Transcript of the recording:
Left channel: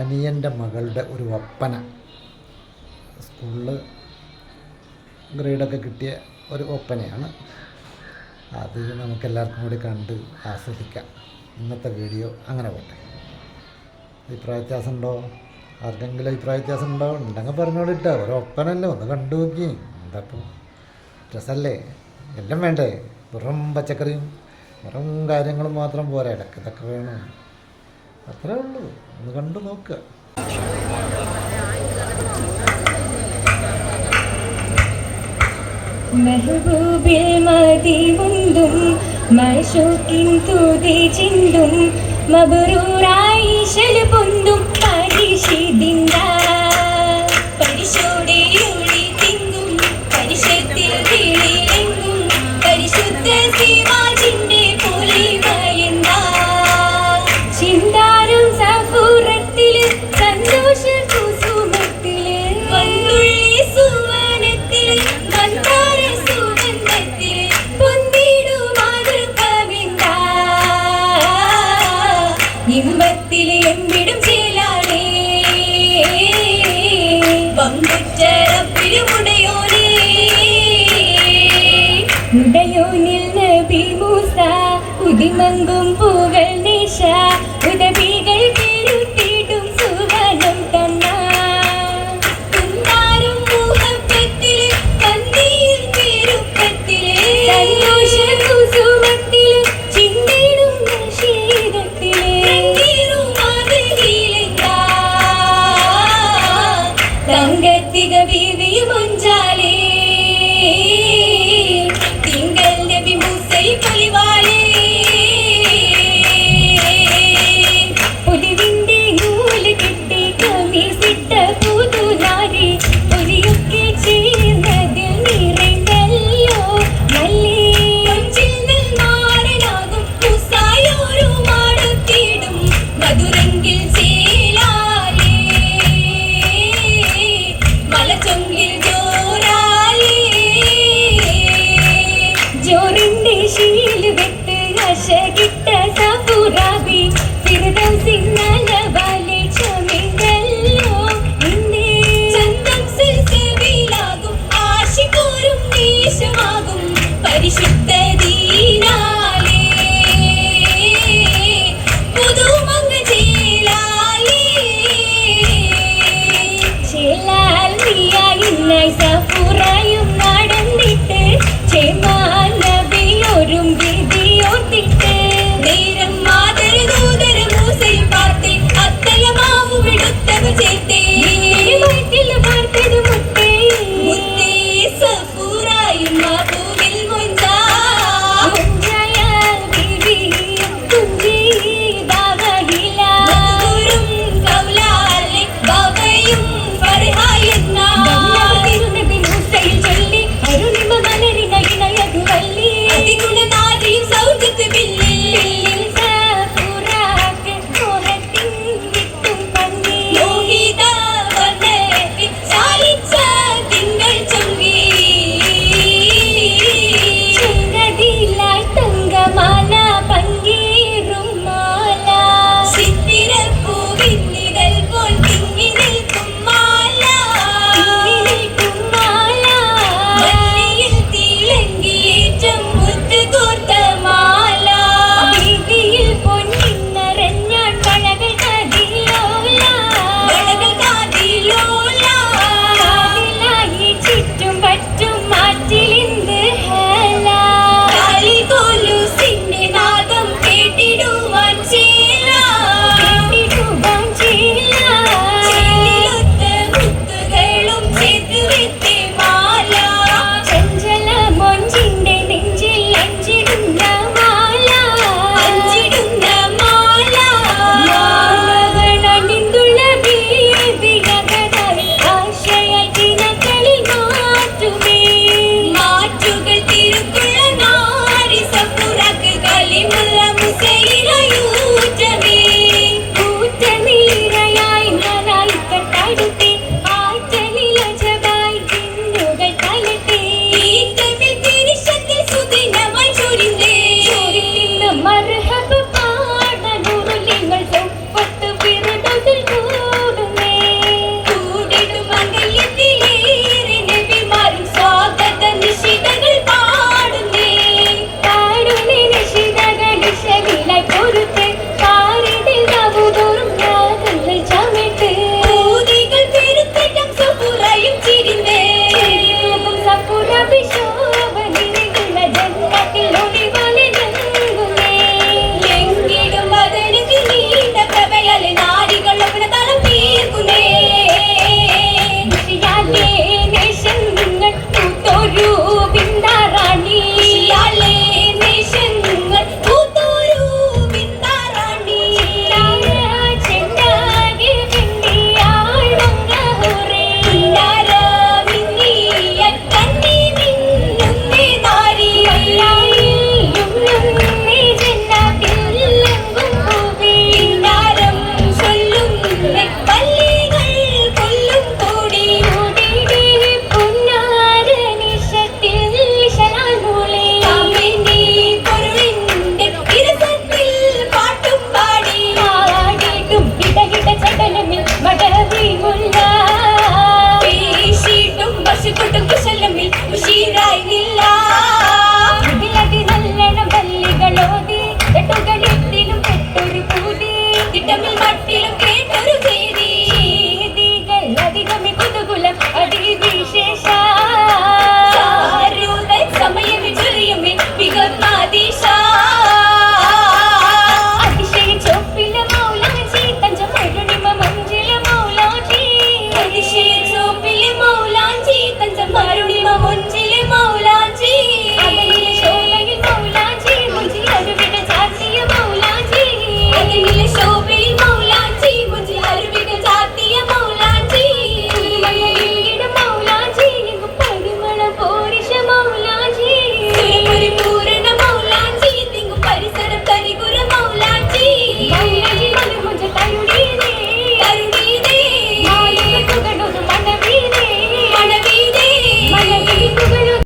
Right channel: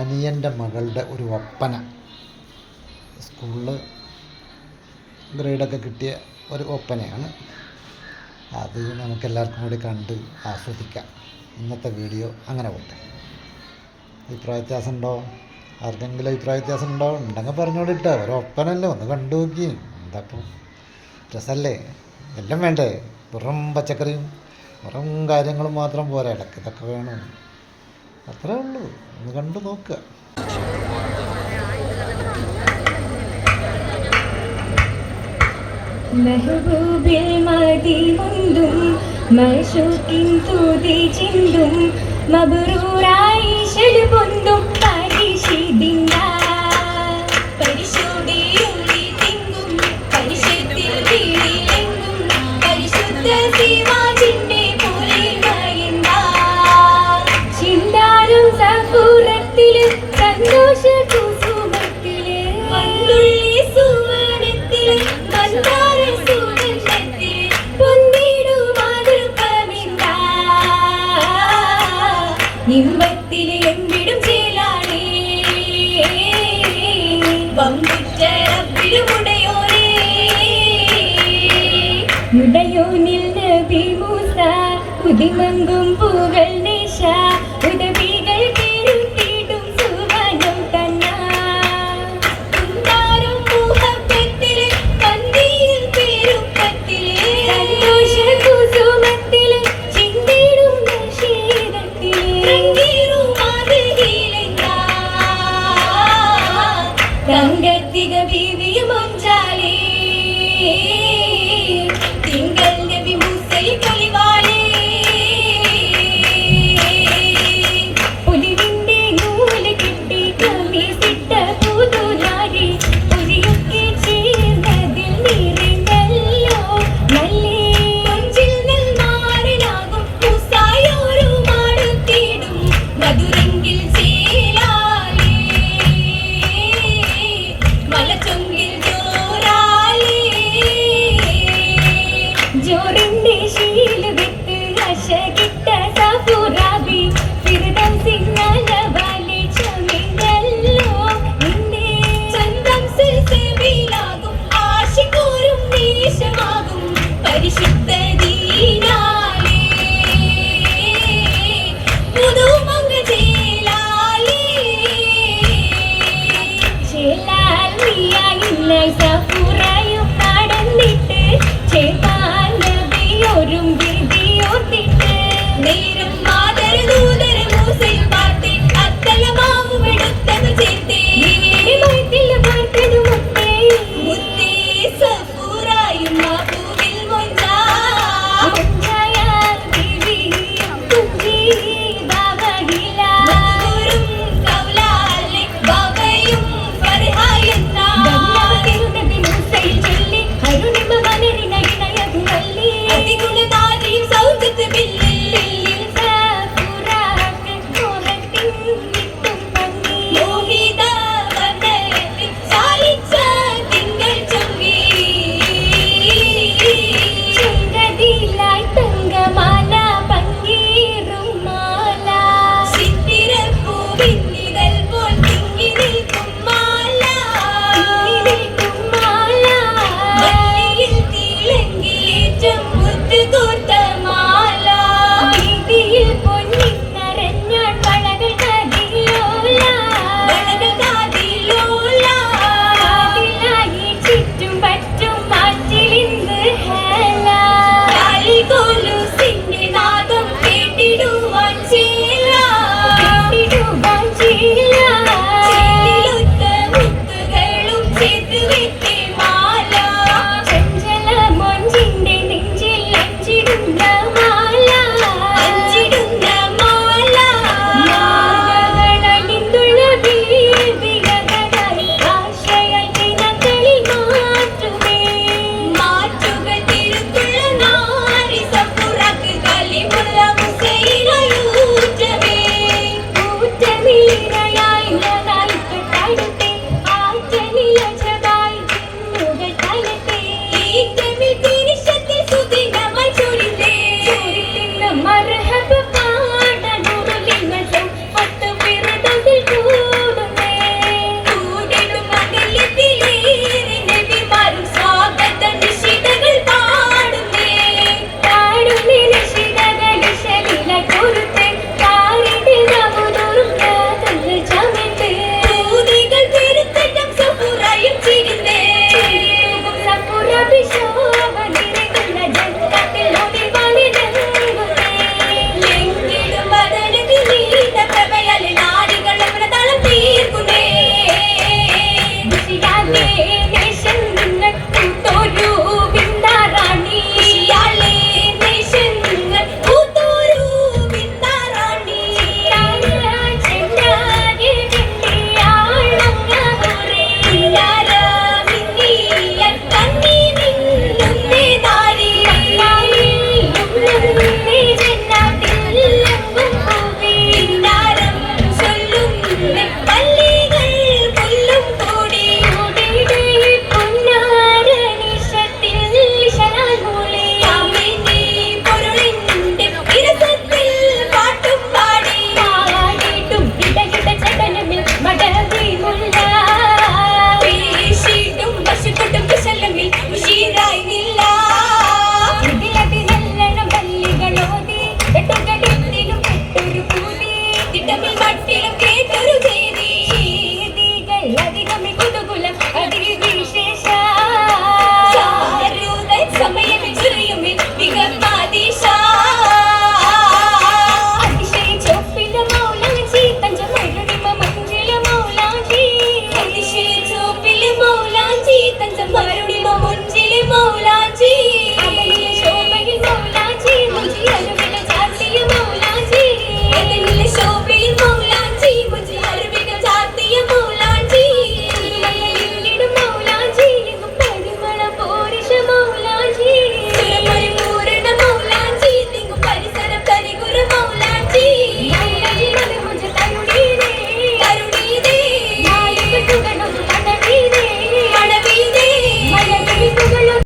അനിയൻ്റെ മകളുടെ ഒരു ഒപ്പന. സ്കൂളിൽ ഗ്രേഡൊക്കെ കിട്ടിയ ഒരു ഒപ്പനയാണ്. അത് നമുക്കെല്ലാവർക്കും കൂടി കണ്ട് ആസ്വദിക്കാം. ഇന്നത്തെ വീഡിയോ അങ്ങനെ പോട്ടെ. അഭിപ്രായ വ്യത്യാസം ഉണ്ടോ? ആർക്കെങ്കിലും അഭിപ്രായ വ്യത്യാസം ഉണ്ടോ? ഉണ്ടെങ്കിൽ പറഞ്ഞോളിട്ടോ. ഒരു ഒപ്പനല്ലേ, ഒന്ന് കണ്ടു നോക്കി. എന്താപ്പോൾ രസമല്ലേ? എല്ലാം വേണ്ടേ? വെറും പച്ചക്കറിയും വെറും കാര്യങ്ങളും മാത്രം പോരാ, ഇടയ്ക്ക് ഇതൊക്കെ വേണം. അത്രേ ഉള്ളൂ. ഒന്ന് കണ്ടു നോക്കുക. മെഹബൂബിൽ മദിമുന്തും മശൂക്കിൻ തുതി ചിന്തും മബ്റൂറായി ശൽ പൊന്തും പരിശുദ്ധിന്ദ പരിശോധയോടി തിങ്ങും പരിശുദ്ധിൽ വീണിലെങ്ങും പരിശുദ്ധ സീമാജിന്റെ പൊലിമയന്ത ചിന്താരം സഫൂറത്തില് സന്തോഷ കുസുമത്തില് വന്നുള്ളി സുമനത്തില് ഇമ്പത്തിലെ എമ്പിടും ചേലാണേ വമ്പുറ്ററപ്പിലുമുടയോനേ മുടയോനിൽ നബി മൂസ ഉദിമങ്കും പൂകൾ നിശ ഉദവികൾ കേരുത്തിടും സുവനം തന്ന കുന്താരം മുഹബത്തിലെ കന്തിയിൽ പേരുപ്പത്തിലെ സന്തോഷ കുസുമത്തിലെ ചിന്തിടും നശീദത്തിലെ തങ്കത്തിക ബീവിയും ഒഞ്ചാലേ തിങ്കൾ നബി മൂസൈ പൊലിവാലേ പൊലിവിന്റെ നൂല് കിട്ടി കമീസിട്ട പുതുനാരി പൊലിയൊക്കെ ചേർന്നതിൽ നിറഞ്ഞല്ലോ നല്ലി നാടനാകും മൂസായോരു മാടുത്തിടും മധുരങ്കിൽ ജോറിന്റെ ശീല വിട്ട് അശകിട്ട സഫുറാബി ഫിർദൗസിന്നല വാലി ചമിണ്ടല്ലോ നിന്നെ ചന്തം സിൽസിലാകും ആശിഖോരും ദേശമാകും പരിശുദ്ധ ദീനാലേ പുതുമങ്ങ ചേലാലേ ചേലാൽ മിയായിന്നായി സഫുറായും നടന്നിട്ട് ചേമാൻ നബിയോരും വിധിയോർത്തിട്ട് നേരം മാതരദൂതര മൂസയിൽ പാർത്തി അത്തലമാവും എടുത്തവ ചേർത്തേ വയറ്റിൽ പാർത്തത് മുത്തേ മുത്തേ സഫൂറായും മഹബൂബിൽ മുഞ്ചായ ബിബി കുഞ്ചി ദാവഹില മധുരം കൗലാലി ബാബയും ഫർഹായെന്ന നബി മൂസയിൽ ചൊല്ലി അരുണിമ മലരിന ഇണയതുവല്ലി അതിഗുണനാരിയും സൗജത്ത് ബില്ലിൽ സഫൂറാക്ക് കോഹത്തിൻ വിട്ടും പന്നി മോഹിത വനത്തിൽ സാലിച്ച തിങ്കൾ ചൊങ്കി ചുങ്കതിലായി തങ്കമാല പങ്കീറും മാല ചിത്തിരപ്പൂവിന്നിതൽ പോൽ തിങ്ങി നിൽക്കും മാല വള്ളിയിൽ തിളങ്ങിയേറ്റം മുത്ത് കോർത്ത മാല വീതിയിൽ പൊന്നിൻ നിറഞ്ഞാൽ വളകൾ കാതിലോല കാതിലായി ചുറ്റും പറ്റും മാറ്റിലിന്ന് ഹേല കാലികോലുസിന്റെ നാദം കേട്ടിടുവാൻ ചേല നാട്ടിലും കേട്ടൊരു ചെയ്തി ചെയ്തികൾ അധികം